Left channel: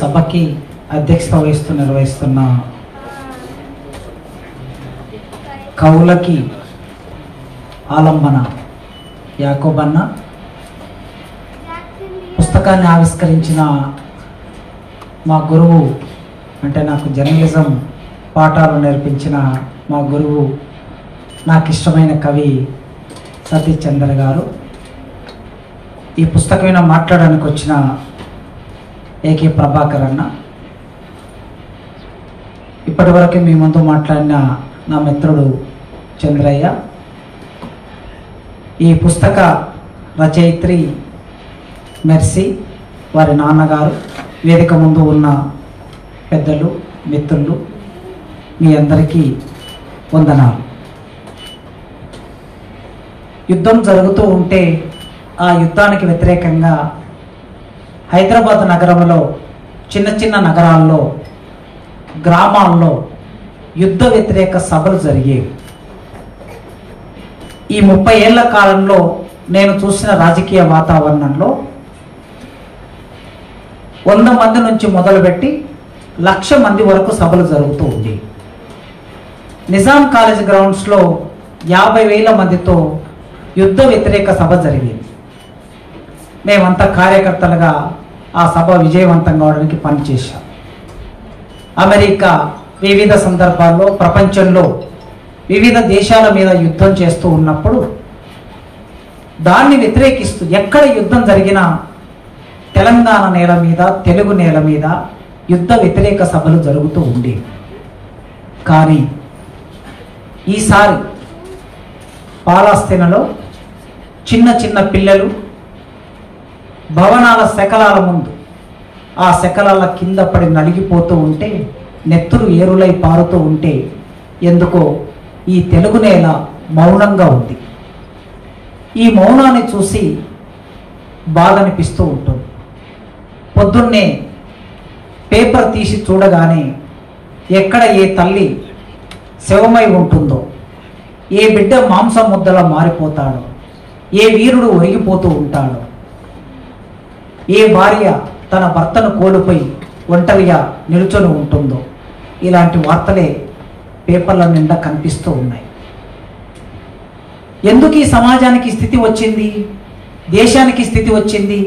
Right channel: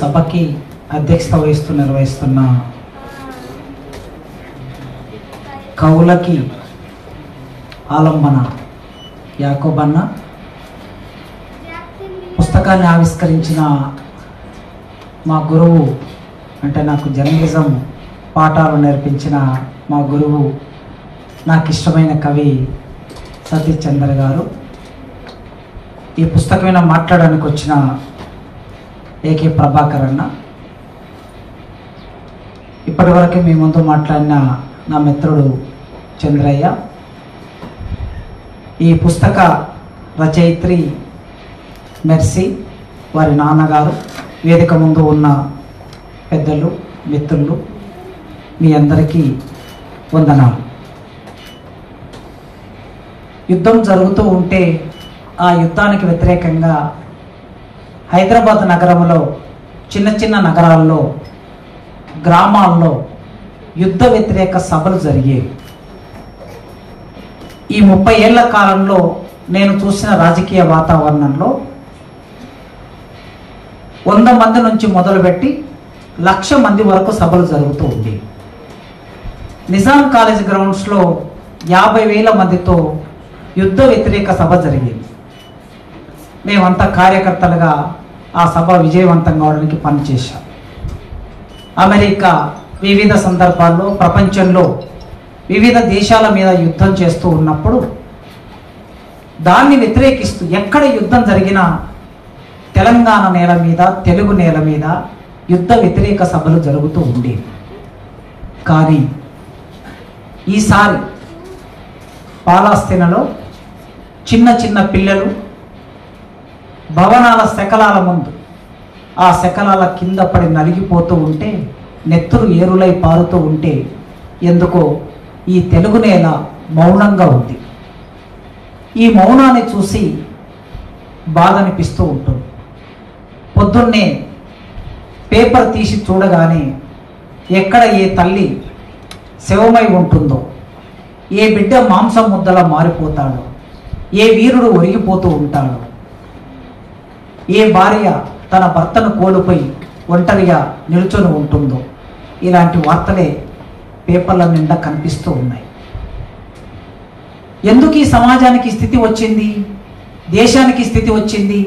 సభకి అధ్యక్షత నిర్వహిస్తున్న కౌలకి ఆలంబన యాకోబన్న, పుస్తకాన్ని ఆవిష్కరించిన మా గురువు, అంటే నాకు జర్నలిజం పాఠాలు నేర్పించిన మా గురువు, నాకు ఇష్టమైన కవి సతీష్ చంద్ర గారు, ఈ పుస్తకం మీద మాట్లాడడానికి వచ్చిన ఏకే ప్రభాకర్ అన్న, ఇప్పటి వరకు మీ ముందు మాట్లాడిన నా మిత్రుడు చంద్రయ్య, ఈ పుస్తక రచయిత్రి మెర్సీ, వారి నాన్నగారు, వేదిక ముందు ఉన్న పెద్దలు, మిత్రులు, మీ అందరికీ వందనాలు. యుద్ధం జరుగుతూ ఉంటే ఆ యుద్ధానికి వ్యతిరేకంగా హైదరాబాద్ నగరంలో, చిన్న చిన్న నగరాల్లో, గ్రామాల్లో యుద్ధ వ్యతిరేక సభలు జరిగేవి. ఈ 30 ఏళ్ల కాలంలో నేను చూసిన రాజకీయ వాతావరణంలో 100 మంది నుంచి మొదలుపెట్టి 1,00,000 మంది వరకు సభలు జరుగుతూ ఉంది. నిజాం కాలేజ్ గ్రౌండ్స్లో 50,000 మందితో యుద్ధ వ్యతిరేక సభ జరిగింది. మేమంతా కార్యకర్తలుగా ఆ సభ విజయవంతం కావడానికి పనిచేశాం. అమెరికా వివిధ సందర్భాల్లో ప్రపంచంలో వివిధ దేశాల మీద యుద్ధం చేస్తూ ఉన్నప్పుడు దాన్ని వ్యతిరేకిస్తూ ఎక్కడ యుద్ధం జరిగినా తెలంగాణ నేల మీద, తెలుగు నేల మీద యుద్ధ వ్యతిరేక సభలు జరుగుతూ ఉండేవి. కానీ ఈసారి పాలస్తీనాలో చిన్న చిన్న పిల్లలు భవనాల శకలాల ముందు, ఆ శకలాల కింద పడి నలిగిపోతూ ఉంటే, నెత్తురు ఏరులై పారుతూ ఉంటే, ఎందుకో ఈ తెలుగు నేల మౌనంగా ఉంది. ఈ మౌనాన్ని చూసి బాధ అనిపిస్తూ ఉంటుంది. పొద్దున్నే పేపర్ తీసి చూడగానే ఎక్కడ ఏ తల్లి శవమై ఉంటుందో, ఏ బిడ్డ మాంసం ముద్దలా మారిపోతాడో, ఏ వీరుడు ఒరిగిపోతూ ఉంటాడో, ఏ భార్య తన భర్తను కోల్పోయి ఒంటరిగా నిల్చొని ఉంటుందో, ఇలాంటి వార్తలే పేపర్ల నిండా కనిపిస్తూ ఉన్నాయి. ఎందుకు ఈ సమాజానికి స్థితి వచ్చింది, దేశానికి స్థితి వచ్చింది?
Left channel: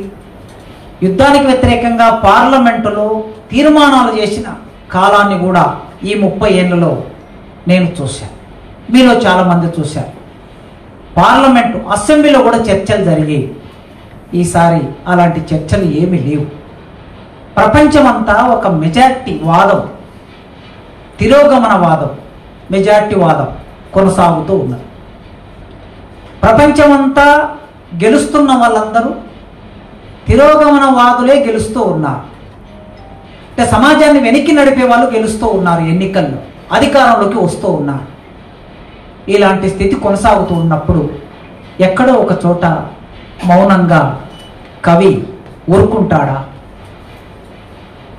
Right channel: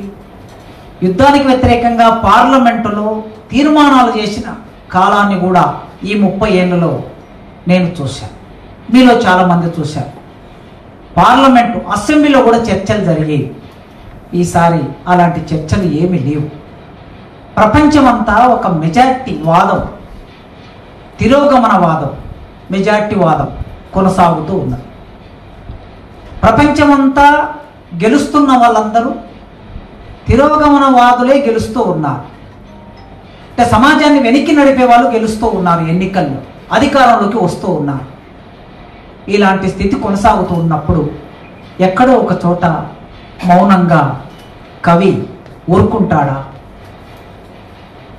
యుద్ధానికి వ్యతిరేకంగా పార్లమెంటులో తీర్మానాలు చేసిన కాలాన్ని కూడా ఈ 30 ఏళ్లలో నేను చూశాను. మీలో చాలామంది చూశారు. పార్లమెంటు, అసెంబ్లీలో కూడా చర్చలు జరిగాయి. ఈసారి అలాంటి చర్చలు ఏమీ లేవు. ప్రపంచమంతా ఒక మెజారిటీ వాదం, తిరోగమన వాదం, మెజారిటీ వాదం కొనసాగుతూ ఉన్నది. ప్రపంచమంతా గెలుస్తున్న వాళ్ళందరూ తిరోగమన వాదులే గెలుస్తూ ఉన్నారు. అంటే సమాజాన్ని వెనక్కి నడిపే వాళ్ళు గెలుస్తూ ఉన్నారు, ఎన్నికల్లో అధికారంలోకి వస్తూ ఉన్నారు. ఇలాంటి స్థితి కొనసాగుతూ ఉన్నప్పుడు ఎక్కడో ఒక చోట మౌనంగా కవి ఊరుకుంటాడా?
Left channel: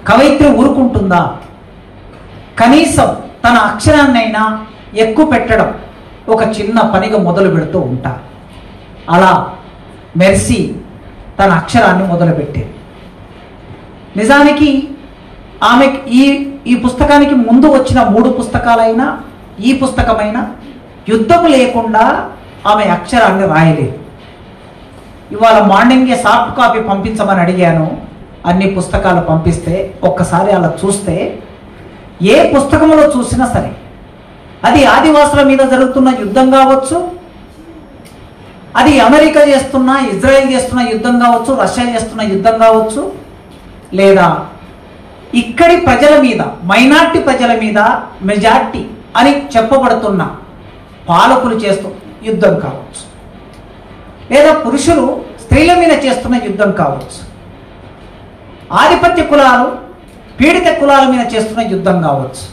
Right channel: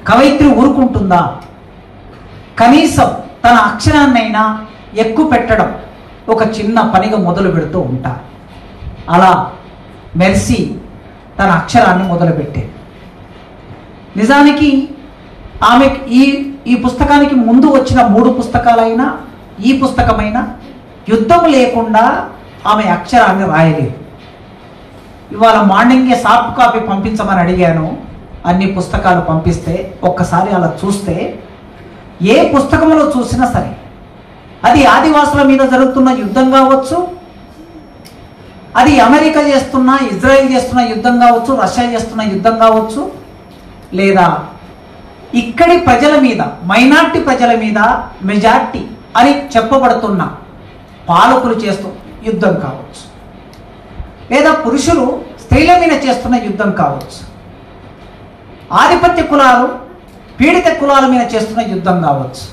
కవయిత్రి ఊరుకుంటుందా? కనీసం తన అక్షరాన్నైనా ఎక్కువ పెట్టడం ఒక చిన్న పనిగా మొదలు పెడుతూ ఉంటారు. అలా మెర్సీ తన అక్షరాన్ని మొదలుపెట్టేది. నిజానికి ఆమె ఈ పుస్తకానికి ముందు వచ్చిన 3 పుస్తకాలైనా, ఈ పుస్తకమైనా యుద్ధం లేకుండా ఆమె అక్షరాన్ని రాయలేదు. ఇవాళ మార్నింగే సాఫ్ట్ కాపీ పంపించమని అడిగాను. అన్ని పుస్తకాలు పంపిస్తే ఒక్కసారి అలా చూస్తే, ఏ పుస్తకంలో చూసినా సరే, అది ఆదివాసుల మీద జరుగుతున్న యుద్ధం కావచ్చు, అది అమెరికా చేస్తున్న, ఇజ్రాయెల్ చేస్తున్న యుద్ధం కావచ్చు, రష్యా చేస్తున్న యుద్ధం కావచ్చు, లేదా ఇక్కడి ప్రజల మీద, మైనార్టీ ప్రజల మీద మెజార్టీ అని చెప్పబడుతున్న పాలకులు చేస్తున్న యుద్ధం కావచ్చు, లేదా పురుషులు స్త్రీల మీద చేస్తున్న యుద్ధం కావచ్చు, ఆధిపత్య కులాలు పీడిత కులాల మీద చేస్తున్న యుద్ధం కావచ్చు.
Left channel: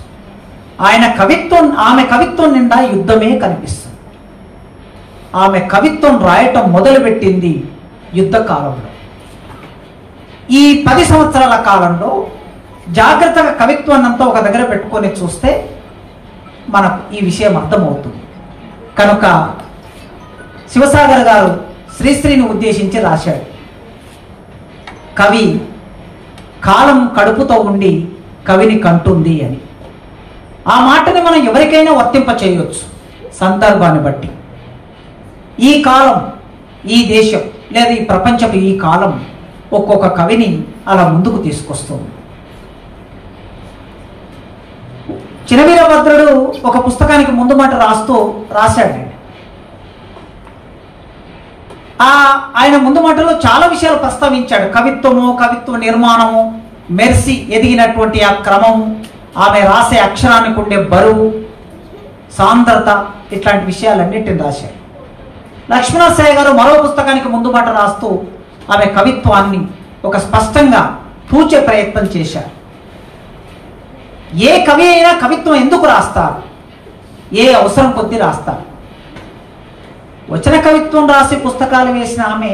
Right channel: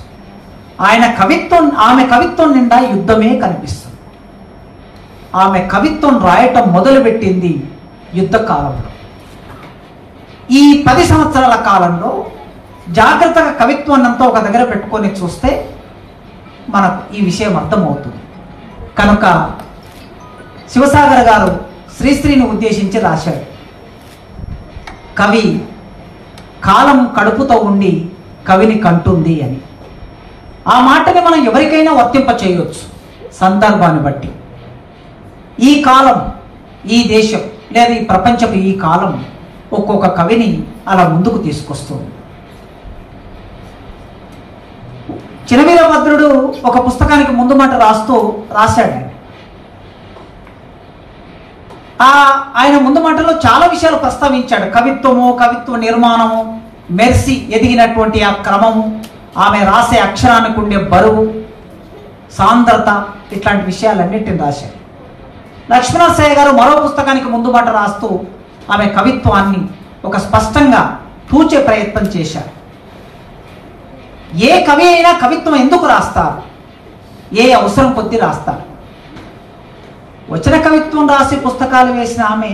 ఆమె కవిత్వం నిండా యుద్ధమే కనిపిస్తుంది. ఆమె కవిత్వం రాయటం మొదలుపెట్టింది యుద్ధ కాలంలో. ఈ 10 సంవత్సరాల కాలంలో జాగ్రత్తగా కవిత్వాన్ని అంతా ఒక దగ్గర పెట్టుకొని చూస్తే మనకు ఈ విషయం అర్థమవుతుంది. కనుక శివసాగర్ గారు శ్రీశ్రీని ఉద్దేశించి రాశాడు. కవి కాలం కడుపుతో ఉండి కవిని కంటుంది అని. ఆ మాటని మనం ఎవరికైనా వర్తింప చేయొచ్చు సందర్భాన్ని బట్టి. ఈ కాలం, ఈ దేశం లేదా ఈ ప్రపంచపు ఈ కాలం ఒక్కొక్క కవిని అలా ముందుకు తీసుకొస్తుంది. చినవీరభద్రుడు ఒక పుస్తకానికి ముందు మాట రాశాడు. ఆయన ముందు మాటలో చాలా విషయాలు ప్రస్తావించాడు. కవిత్వము, కవిత్వ నిర్మాణము, మెర్సీ ఎదిగినటువంటి ఆ క్రమము, ఆమె రాసే అక్షరానికి ఉండే బరువు, సాంద్రత, ఇట్లాంటి విషయాలన్నింటిని రాశాడు. లక్ష్మణసాయి గారు మరో పుస్తకానికి ముందు మాట రాస్తూ ఆమె కవిత్వాన్ని ఒక స్పష్టంగా పూచే ప్రయత్నం చేశారు. ఏ కవి అయినా కవిత్వం ఎందుకు రాస్తారు? ఏ అవసరం కొద్దీ రాస్తారు. వచన కవిత్వం రాసి పుస్తకాలు వేసిన ఆమె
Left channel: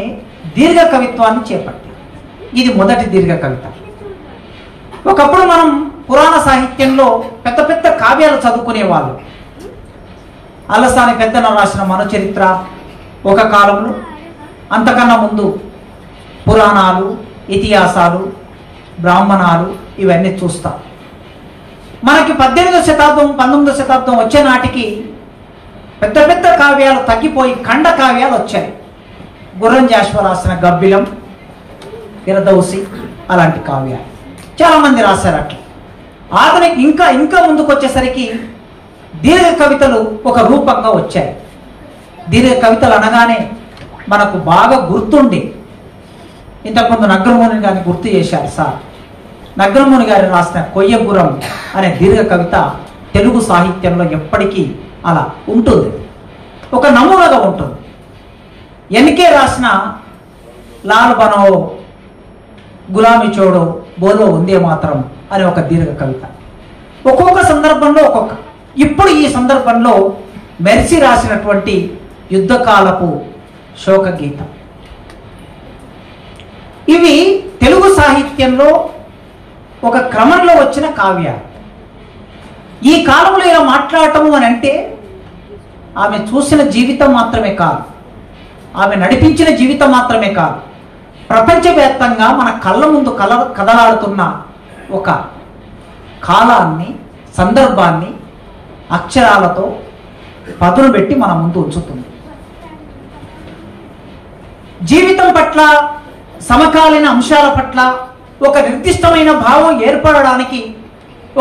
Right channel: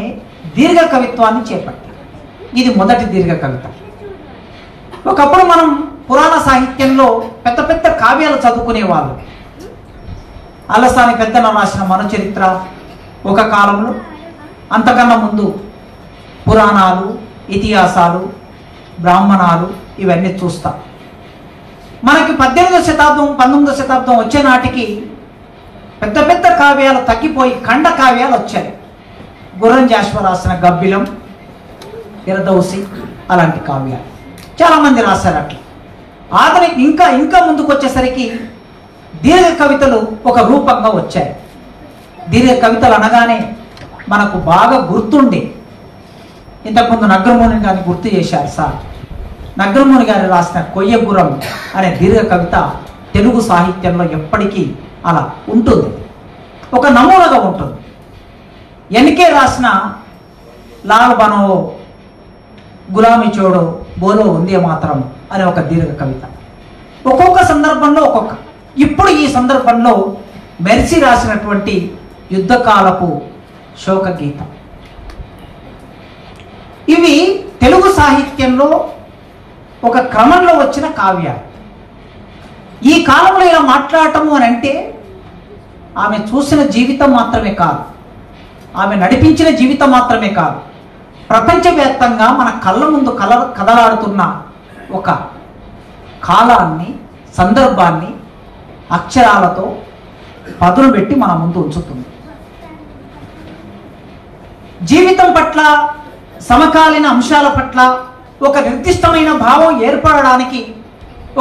దీర్ఘ కవిత్వాన్ని చేపట్టారు. ఇది మొదటి దీర్ఘ కవిత. ఒకప్పుడు మనం పురాణ సాహిత్యంలో పెద్ద పెద్ద కావ్యాలు చదువుకునేవాళ్ళు. అలసాని పెద్దన రాసిన మనచరిత్ర ఒక కాలంలో, అంతకన్నా ముందు పురాణాలు, ఇతిహాసాలు, బ్రాహ్మణాలు ఇవన్నీ చూస్తాం. మనకి 18వ శతాబ్దం 19వ శతాబ్దం వచ్చే నాటికి పెద్ద పెద్ద కావ్యాలు తగ్గిపోయి ఖండ కావ్యాలు వచ్చాయి. గుర్రం జాషువా రాసిన గబ్బిలం, ఇరదౌసి అలాంటి కావ్యాలు చాలామంది రాశారు. అట్లా అతనికి ఇంకా ముందుకు వచ్చేసరికి దీర్ఘ కవితలు ఒక రూపంగా వచ్చాయి. దీర్ఘ కవితలు అనగానే మనకు బాగా గుర్తుండే, ఇంతకుముందు నగ్రమూని గారిని గుర్తు చేశారు సార్. నగ్రమూని గారు రాసిన కొయ్యగురం అనే దీర్ఘ కవిత తెలుగు సాహిత్యంలో ఎప్పటికీ అలా ఉంటుంది, ఒక నమూనాగా ఉంటుంది. ఎన్కే రాసిన లాల్ బనో గులామి చోడో బోలో ఉందే మాత్రం అనే ఒక దీర్ఘ కవిత. ఒక్కొక్క సందర్భంలో ఇప్పుడు ఈ సందర్భంలో మెర్సీ రాసినటువంటి యుద్ధకాలపు శోక గీతం. ఇవి తెలుగు సాహిత్యంలో ఒక క్రమంలో వచ్చిన కావ్యాలు. ఈ కాలంలో ఇలా మాట్లాడటము అని అంటే ఆమె చూసిన జీవితం మాత్రమే కాదు, ఆమె నడిపించిన జీవితం మాత్రమే కాదు, ప్రపంచవ్యాప్తంగా మన కళ్ళ ముందు కదలాడుతున్న ఒక కాలాన్ని, సందర్భాన్ని అక్షరాలతో పదును పెట్టి మన ముందు ఉంచుతుంది. జీవితం పట్ల, సమకాలీన అంశాల పట్ల ఒక నిర్దిష్టమైన భావం ఏర్పడడానికి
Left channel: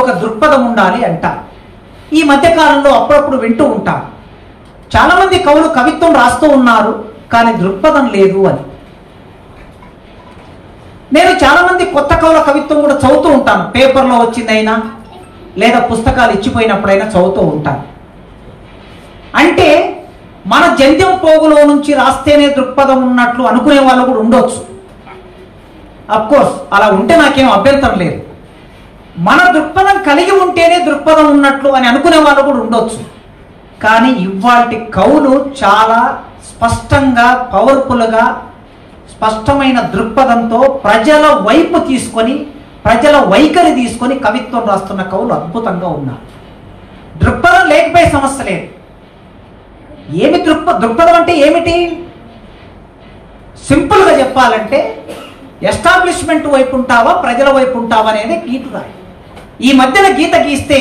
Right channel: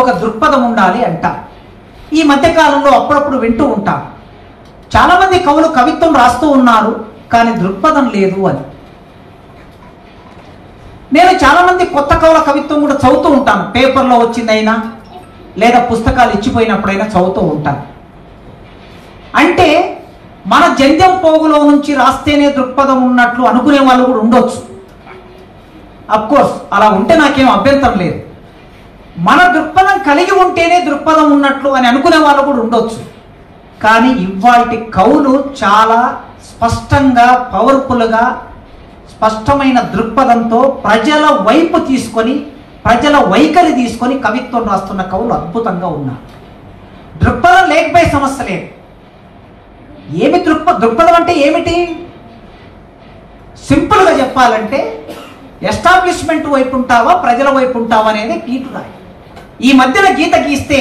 ఒక దృక్పథం ఉండాలి అంట. ఈ మధ్యకాలంలో అప్పుడప్పుడు వింటూ ఉంటాం, చాలా మంది కవులు కవిత్వం రాస్తూ ఉన్నారు కానీ దృక్పథం లేదు అని. నేను చాలా మంది కొత్త కవుల కవిత్వం కూడా చదువుతూ ఉంటాను, పేపర్లో వచ్చిందైనా లేదా పుస్తకాలు ఇచ్చిపోయినప్పుడైనా చదువుతూ ఉంటాను. అంటే మన జంధ్యం పోగులో నుంచి రాస్తేనే దృక్పథం ఉన్నట్లు అనుకునే వాళ్ళు కూడా ఉండొచ్చు. అఫ్కోర్స్ అలా ఉంటే నాకేం అభ్యంతరం లేదు. మన దృక్పథం కలిగి ఉంటేనే దృక్పథం ఉన్నట్లు అని అనుకునే వాళ్ళు కూడా ఉండొచ్చు. కానీ ఇవాల్టి కవులు చాలా స్పష్టంగా, పవర్ఫుల్గా, స్పష్టమైన దృక్పథంతో ప్రజల వైపు తీసుకొని, ప్రజల వైఖరి తీసుకొని కవిత్వం రాస్తున్న కవులు అద్భుతంగా ఉన్నారు. దృక్పథం లేకపోయే సమస్య లేదు. ఏమి దృక్పథం అంటే ఏమిటి? సింపుల్గా చెప్పాలంటే ఎస్టాబ్లిష్మెంట్ వైపు ఉంటావా, ప్రజల వైపు ఉంటావా అనేది గీటుగా. ఈ మధ్యన గీత గీస్తే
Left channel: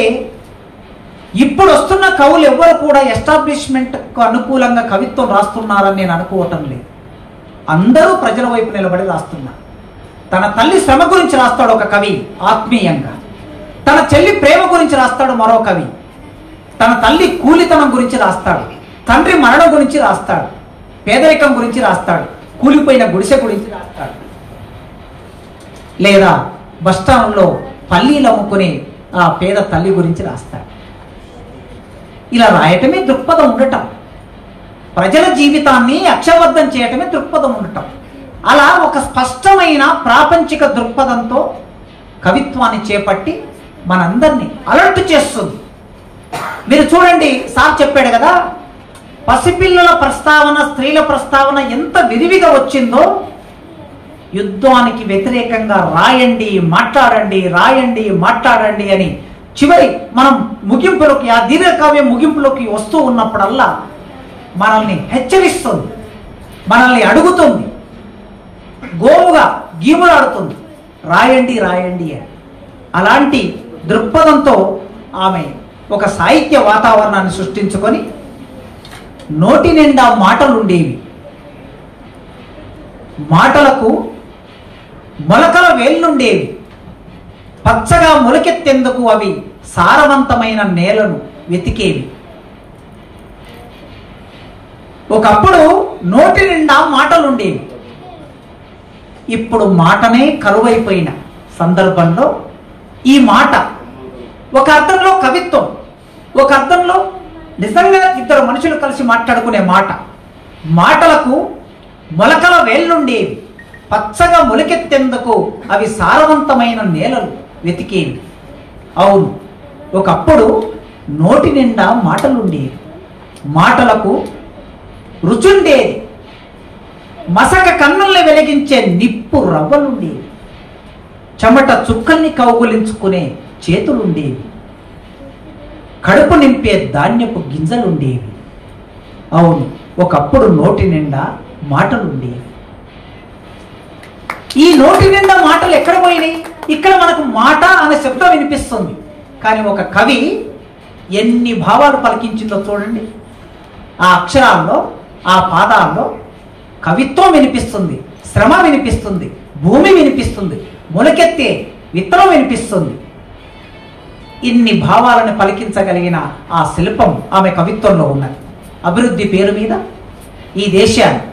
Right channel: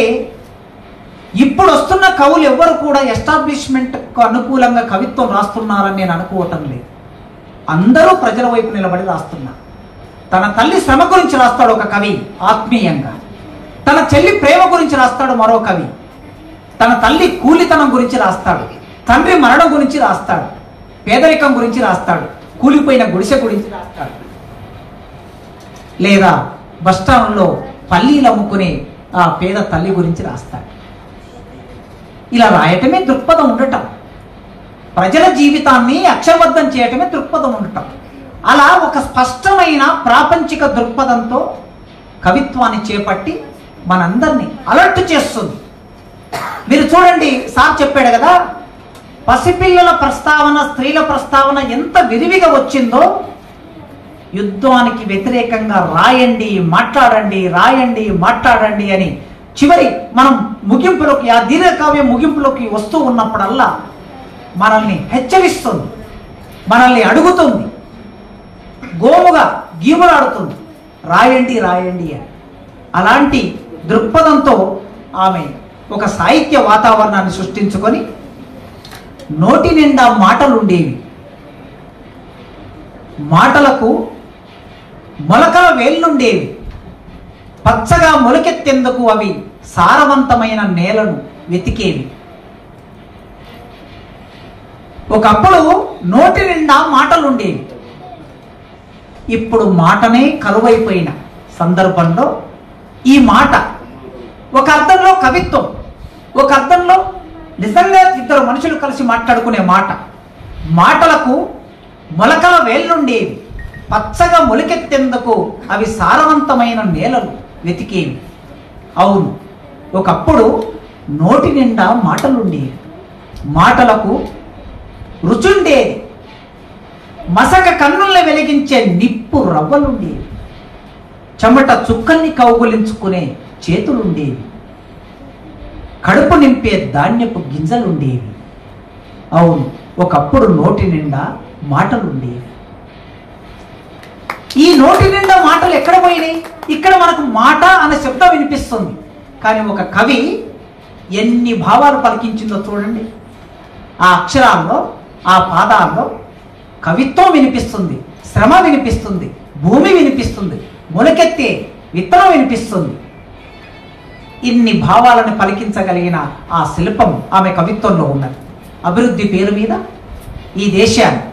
ఇప్పుడు వస్తున్న కవులు ఎవ్వరు కూడా ఎస్టాబ్లిష్మెంట్కు అనుకూలంగా కవిత్వం రాస్తున్నారని నేను అనుకోవటం లేదు. అందరూ ప్రజల వైపు నిలబడి రాస్తున్నారు. తన తల్లి శ్రమ గురించి రాస్తాడు ఒక కవి ఆత్మీయంగా, తన చెల్లి ప్రేమ గురించి రాస్తాడు మరో కవి, తన తల్లి కూలితనం గురించి రాస్తాడు, తండ్రి మరణం గురించి రాస్తాడు, పేదరికం గురించి రాస్తాడు, కూలిపోయిన గుడిసె గురించి రాస్తాడు, లేదా బస్టాండ్లో పల్లీలు అమ్ముకునే ఆ పేద తల్లి గురించి రాస్తాడు. ఇలా రాయటమే దృక్పథం ఉండటం, ప్రజల జీవితాన్ని అక్షరబద్ధం చేయటమే దృక్పథం ఉండటం. అలా ఒక స్పష్టమైన ప్రాపంచిక దృక్పథంతో కవిత్వాన్ని చేపట్టి మనందరినీ అలర్ట్ చేస్తుంది. మీరు చూడండి, సార్ చెప్పాడు కదా, పసిపిల్లల ప్రస్తావన, స్త్రీల ప్రస్తావన ఎంత విరివిగా వచ్చిందో. యుద్ధానికి వ్యతిరేకంగా రాయండి, మాట్లాడండి, రాయండి, మాట్లాడండి అని చివరి మనం ముగింపులోకి, ఆ దీర్ఘకావ్యం ముగింపులోకి వస్తూ ఉన్నప్పుడల్లా మనల్ని హెచ్చరిస్తుంది, మనల్ని అడుగుతుంది, గోముగా గీములాడుతుంది. రాయండి రాయండి అని. అలాంటి దృక్పథంతో ఆమె ఒక సాహిత్య వాతావరణాన్ని సృష్టించుకొని నోటి నిండా మాటలుండేవి. మాటలకు మొలకల వేళ్ళుండేవి. పచ్చగా మొలకెత్తేందుకు అవి సారవంతమైన నేలను వెతికేవి. ఒకప్పుడు నోటి నిండా మాటలుండేవి. ఇప్పుడు మాటనే కరువైపోయిన సందర్భంలో ఈ మాట ఒక అర్థంలో కవిత్వం, ఒక అర్థంలో నిజంగా ఇద్దరు మనుషులు కలిసి మాట్లాడుకునే మాట. మాటలకు మొలకల వేళ్ళుండేవి. పచ్చగా మొలకెత్తేందుకు అవి సారవంతమైన నేలలు వెతికేవి. అవును, ఒకప్పుడు నోటి నిండా మాటలుండేవి. మాటలకు రుచుండేది. మసక కన్నుల్ని వెలిగించే నిప్పు రవ్వలుండేవి. చెమట చుక్కల్ని కౌగులించుకునే చేతులుండేవి. కడుపు నింపే ధాన్యపు గింజలుండేవి. అవును, ఒకప్పుడు నోటి నిండా మాటలుండేవి. ఈ నోటి నిండా మాటలు ఎక్కడ పోయినాయి? ఇక్కడ మనకు మాట అనే శబ్దం వినిపిస్తుంది. కానీ ఒక కవి ఎన్ని భావాలు పలికించిందో చూడండి. ఆ అక్షరాల్లో, ఆ పాదాల్లో కవిత్వం వినిపిస్తుంది, శ్రమ వినిపిస్తుంది, భూమి వినిపిస్తుంది, మొలకెత్తే విత్తనం వినిపిస్తుంది. ఇన్ని భావాలను పలికించగలిగిన ఆ శిల్పం ఆమె కవిత్వంలో ఉన్నది. అభివృద్ధి పేరు మీద ఈ దేశాన్ని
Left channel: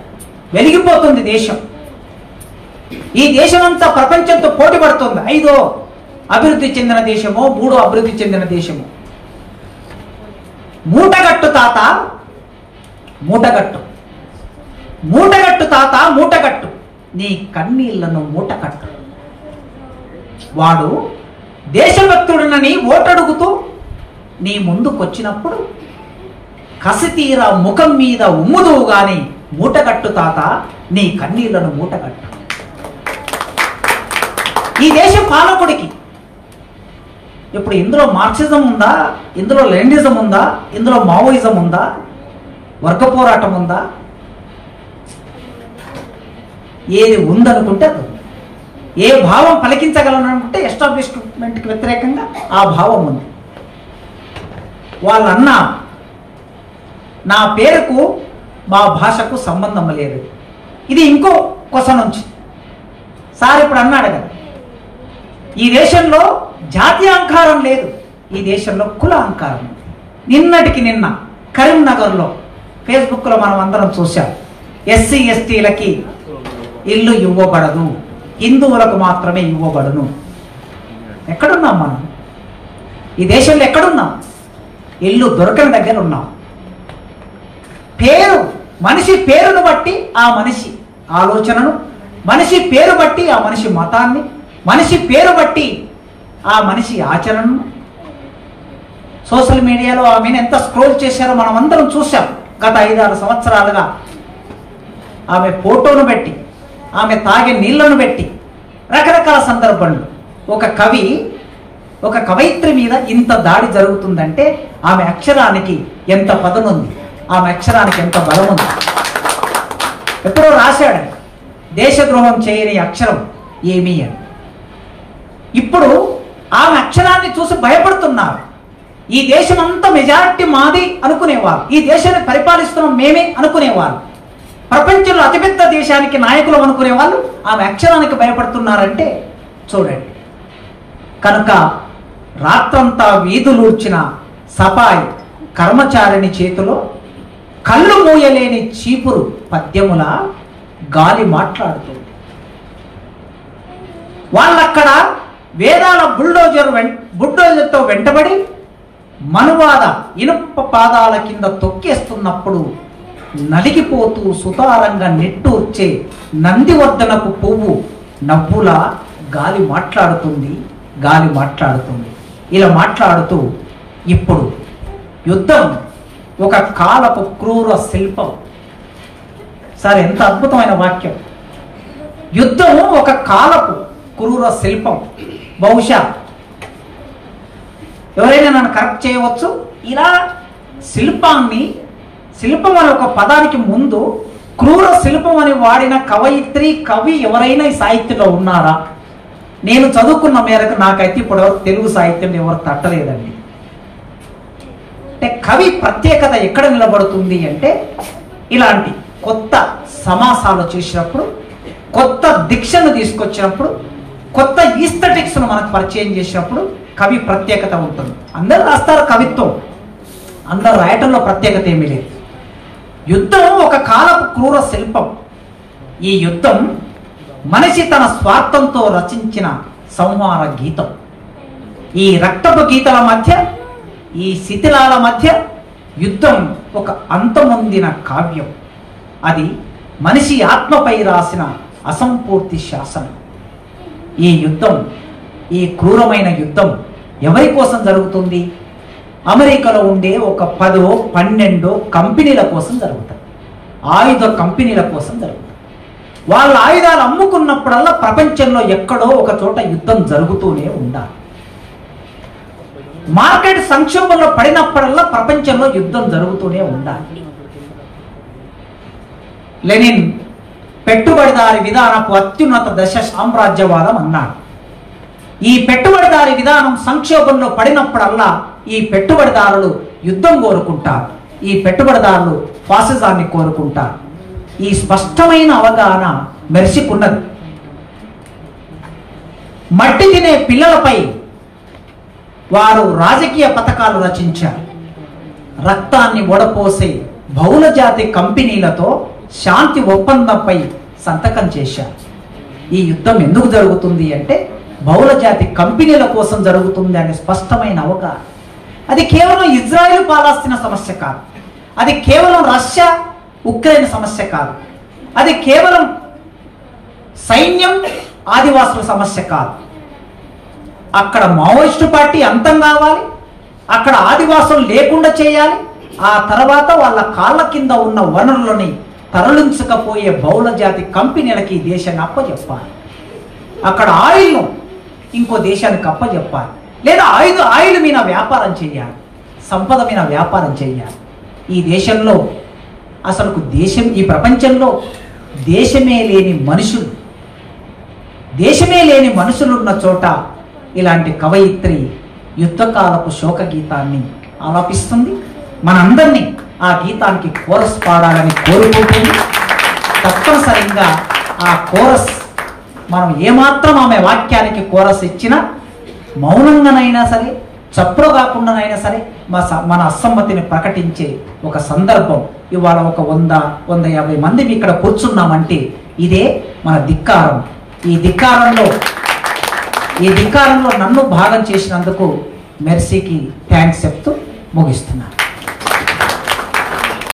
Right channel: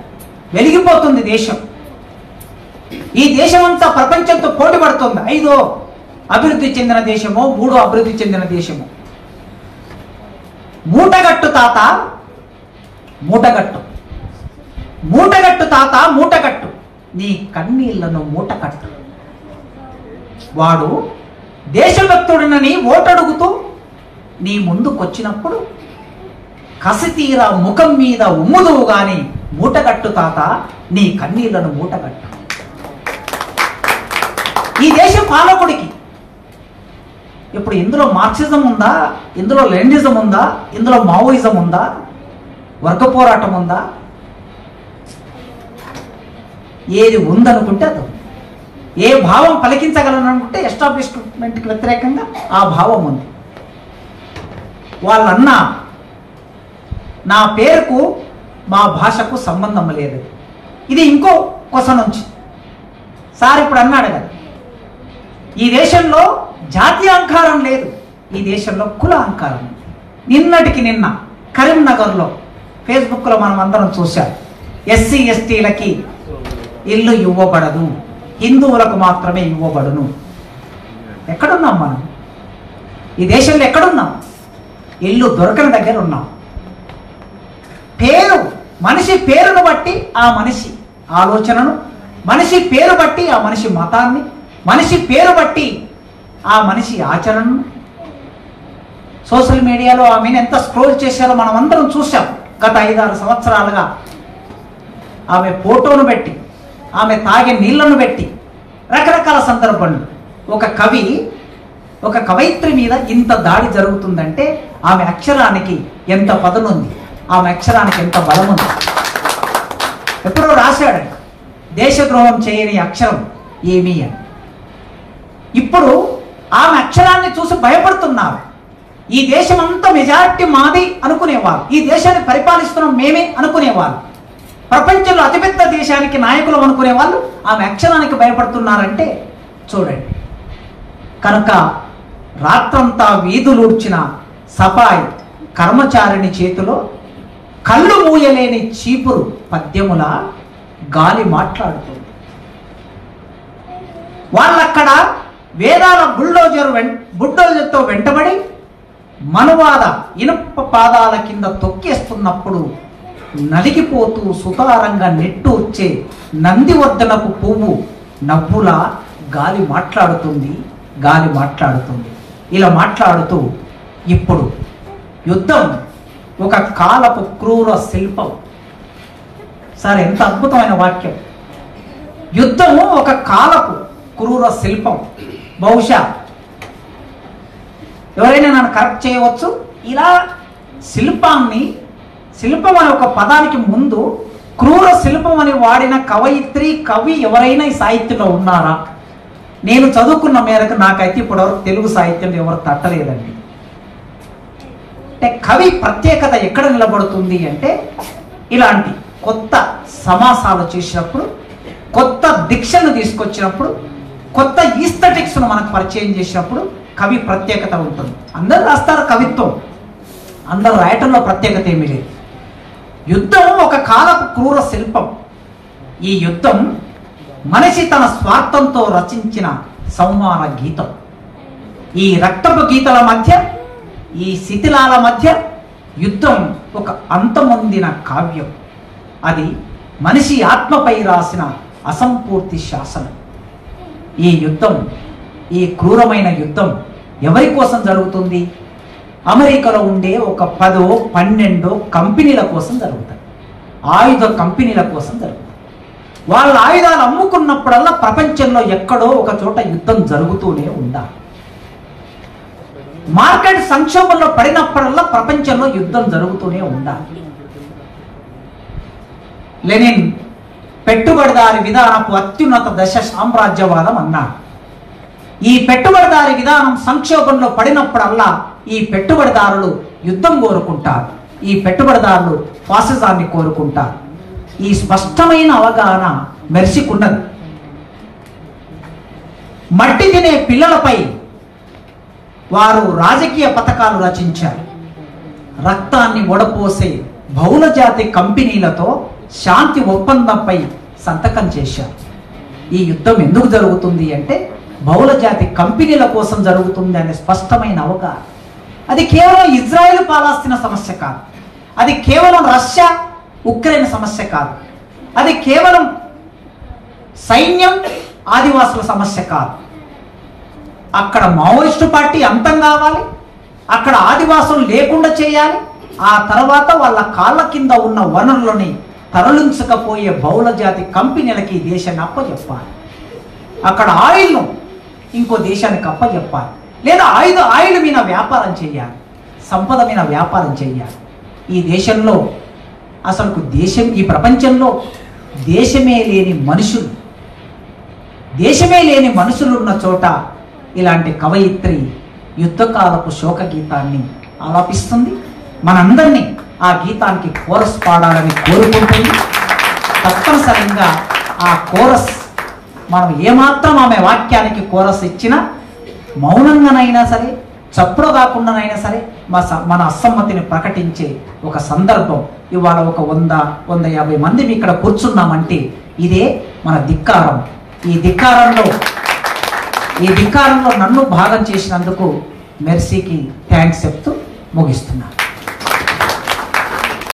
వెలిగిపోతుంది. దేశం, ఈ దేశమంతా ప్రపంచంతో పోటీ పడుతుంది. 5వ అభివృద్ధి చెందిన దేశమో 3వ అభివృద్ధి చెందిన దేశమో. మూటగట్టు తాత, మూటగట్టు, మూటగట్టు తాత, మూటగట్టు నీ కన్నీళ్లను మూటకట్టు. వాడు దేశభక్తుడినని ఓటడుగుతూ నీ ముందుకొచ్చినప్పుడు కసితీర ముఖం మీద ఉమ్ముదువు గాని మూటగట్టు తాత నీ కన్నీళ్లను మూటగట్టు. ఈ దేశ పాలకుడికి ఇప్పుడు ఇందులో మార్క్సిజం ఉందా, ఇందులో లెనినిజం ఉందా, ఇందులో మావోయిజం ఉందా, వర్గ పోరాటం ఉందా? ఏది ఉందనుకుంటే అది. ఏ భావం పలికించగలనుకుంటే ఎస్టాబ్లిష్మెంట్కి వ్యతిరేకంగా ఆ భావం ఉంది. వాళ్ళన్నా నా పేరుకు మా భాషకు సంబంధం లేదు. ఇది ఇంకో కొస నుంచి సార్ ఇప్పుడు అన్నాడు కదా, ఈ దేశంలో జాతీయ అహంకారం లేదు, ఈ దేశంలో కుల అహంకారం. నిన్నటికి నిన్న కరీంనగర్లో ఫేస్బుక్లో మనం అందరం చూశాం, ఎస్సీ ఎస్టీలకి ఇల్లు ఇవ్వబడదు, హిందువులకు మాత్రమే ఇవ్వబడును. ఎక్కడున్నాం మనం? ఈ దేశంలో ఎక్కడున్నాం? ఇల్లు దొరకని దగ్గర ఉన్నాం. పేరు, మనిషి పేరును బట్టి ఆ మనిషి ఆలోచనను, మనిషి పేరు బట్టి ఆ మనిషి మతాన్ని, మనిషి పేరు బట్టి ఆ మనిషి ఆచరణను. సోషల్ మీడియాలో ఆమెను ఎంత స్క్రోల్ చేశారో మనం అందరం చూసాం. గత 5-6 సంవత్సరాలుగా ఆమె ఫోటోను పెట్టి, ఆమె తాగే నీళ్లను పెట్టి, రకరకాల సందర్భంలో ఒక కవి, ఒక కవయిత్రి మీద ఇంత దాడి జరుగుతుందంటే ఆమె అక్షరానికి ఎంత పదనుంది, ఆమె అక్షరానికి ఎంత బలం ఉంది. ఎప్పుడో రాశాడు, దేశద్రోహం చేయని అక్షరం ఏమీ అని. ఇప్పుడు ఆమె అక్షరాన్ని చూసి భయపడుతున్నారు. ఈ దేశం అంతా మెజారిటీ మాది అనుకునేవారు, ఈ దేశాన్ని పరిపాలిస్తున్నాం మేమే అనుకునేవారు, ప్రపంచంలో అతిపెద్ద దేశానికి నాయకులు అనుకునే వాళ్ళు ఆమె అక్షరానికి భయపడుతున్నారంటే చూడండి. కనుక రాత్రంతా వీధులూడ్చిన సఫాయి కర్మచారిని చేతిలో కళ్ళు మూయలేని చీపురు పద్యముల గాలి మాట్లాడుతుంది. వాళ్ళక్కడ వేదాల బుల్డోజర్తో వెంటబడి మనువాద ఇనుప పాదాల కింద తొక్కేస్తున్నప్పుడు నలిగిపోతూ సుతారంగా నెట్టూర్చే నందివర్ధనపు పువ్వు నవ్వులా గాలి మాట్లాడుతుంది, గాలి మాట్లాడుతుంది. ఇలా మాట్లాడుతూ ఇప్పుడు యుద్ధం ఒక కాలపు క్రూర శిల్పం. సార్ ఎంత అద్భుతమైన వాక్యం. యుద్ధం ఒక కాలపు క్రూర శిల్పం. బహుశా ఎవరైనా నన్ను కరెక్ట్ చేయవచ్చు. ఇలా శిల్పాన్ని, శిల్పం అనే ఒక పదానికి ముందు క్రూర శిల్పం అని వాడిన కవయిత్రి, కవి ఎవరైనా ఈ సాహిత్యంలో ఉన్నారా? నేను చదువుకున్న మేరకు నాకైతే ఇప్పటివరకు తెలుగు సాహిత్యం ఎవరు తట్టలేదండి. అంటే కవి ప్రత్యేకత ఎక్కడ నిలబడుతుంది అంటే ఇలాంటి కొత్త సమాసాలు చేసినప్పుడు, కొత్త దీక్షను తీసుకొచ్చినప్పుడు, కొత్త ఈస్థెటిక్స్ను మనకు పరిచయం చేసినప్పుడు కవి ప్రత్యేకత ఉంటుంది. అందరూ రాస్తారు కవిత్వం, అందరూ రాయటంలో ప్రత్యేకత ఏమీ లేదు. యుద్ధం ఒక కాలపు క్రూర శిల్పం. ఈ యుద్ధం మనిషి తన స్వార్థంతో రచించిన సంహార గీతం. ఈ రక్తపు గీతల మధ్య, ఈ శిథిలాల మధ్య యుద్ధం ఒక అంతమొందిన కావ్యం. అది మనిషి ఆత్మపై రాసిన అసంపూర్తి శాసనం. ఈ యుద్ధం, ఈ క్రూరమైన యుద్ధం ఎవరి కోసం జరుగుతుంది? అమెరికాలో ఉండే ఒక 10-12 కంపెనీల కోసం జరుగుతుంది. ఆయుధ కంపెనీల కోసం జరుగుతుంది. వాళ్ళ ఆయుధాలు అమ్ముకున్నప్పుడల్లా ప్రపంచంలో ఎక్కడో ఒక చోట యుద్ధం జరుగుతూనే ఉండాలి. మార్కెట్ సంక్షోభంలో పడినప్పుడల్లా ప్రపంచంలో యుద్ధం జరుగుతూనే ఉండాలి. లెనిన్ పెట్టుబడిదారి విధానపు అత్యున్నత దశ సామ్రాజ్యవాదం అన్నాడు. ఈ పెట్టుబడిదారి విధానం సంక్షోభంలో పడినప్పుడల్లా ఈ పెట్టుబడిదారులు యుద్ధం కోరుకుంటారు, ఈ పెట్టుబడిదారులు ఫాసిజాన్ని కోరుకుంటారు. ఈ స్పష్టమైన అవగాహన మెర్సీకున్నది. మట్టి తినే పిల్లలపై వారు రాజకీయ పథకాలు రచించారు. రక్తాన్ని ఒడపోసే బహుళజాతి కంపెనీలతో శాంతి ఒప్పందంపై సంతకం చేశారు. ఈ యుద్ధం ఎందుకు జరుగుతుంది అంటే బహుళజాతి కంపెనీల కోసం జరుగుతుంది అనే స్పష్టమైన అవగాహన. అది కేవలం ఇజ్రాయెల్ పాలస్తీనా సమస్య కాదు, అది కేవలం రష్యా ఉక్రెయిన్ సమస్య కాదు, అది కేవలం సైన్యం ఆదివాసుల సమస్య కాదు. అక్కడ మావోయిస్టు పార్టీ అంతం కావాలి, అక్కడ ఆదివాసులు లేకుండా చేయాలి, ఆ తర్వాత వాళ్ళ కాళ్ళ కింద ఉన్న వనరులని తరలించకపోయే బహుళజాతి కంపెనీలకి ఈ దేశాన్ని అప్పచెప్పాలి. అక్కడ ఆయిల్ను ఇంకో దేశానికి అప్పచెప్పాలి, లేదా ఆయిల్ మీద వ్యాపారం చేయాలి, సంపద మీద వ్యాపారం చేయాలి. ఈ దేశంలో అసలు ఈ ప్రపంచంలో దేశమే లేని మనుషులున్న చోట ఇలాంటి కవయిత్రి యుద్ధకాలపు శోక గీతాన్ని ఆలాపిస్తుంది. మనందరినీ ఆ గీతానికి కోరస్ పాడాలని కోరుకుంటుంది. తప్పనిసరిగా ఆ కోరస్ మనం ఏమాత్రం ఆమె వాక్యానికి కోరస్ ఇచ్చినా, మౌనంగానైనా సరే, చప్పుడు కాకుండానైనా సరే మన అసమ్మతిని ప్రకటించే ఒక సందర్భం ఇవాళ ఒక 100-150 మంది ఇక్కడ కూర్చున్నామంటే ఇదే మన ధిక్కారం. ఈ ధిక్కారంలో నన్ను భాగం చేసినందుకు మెర్సీకి థ్యాంక్స్ చెప్తూ ముగిస్తున్నాను.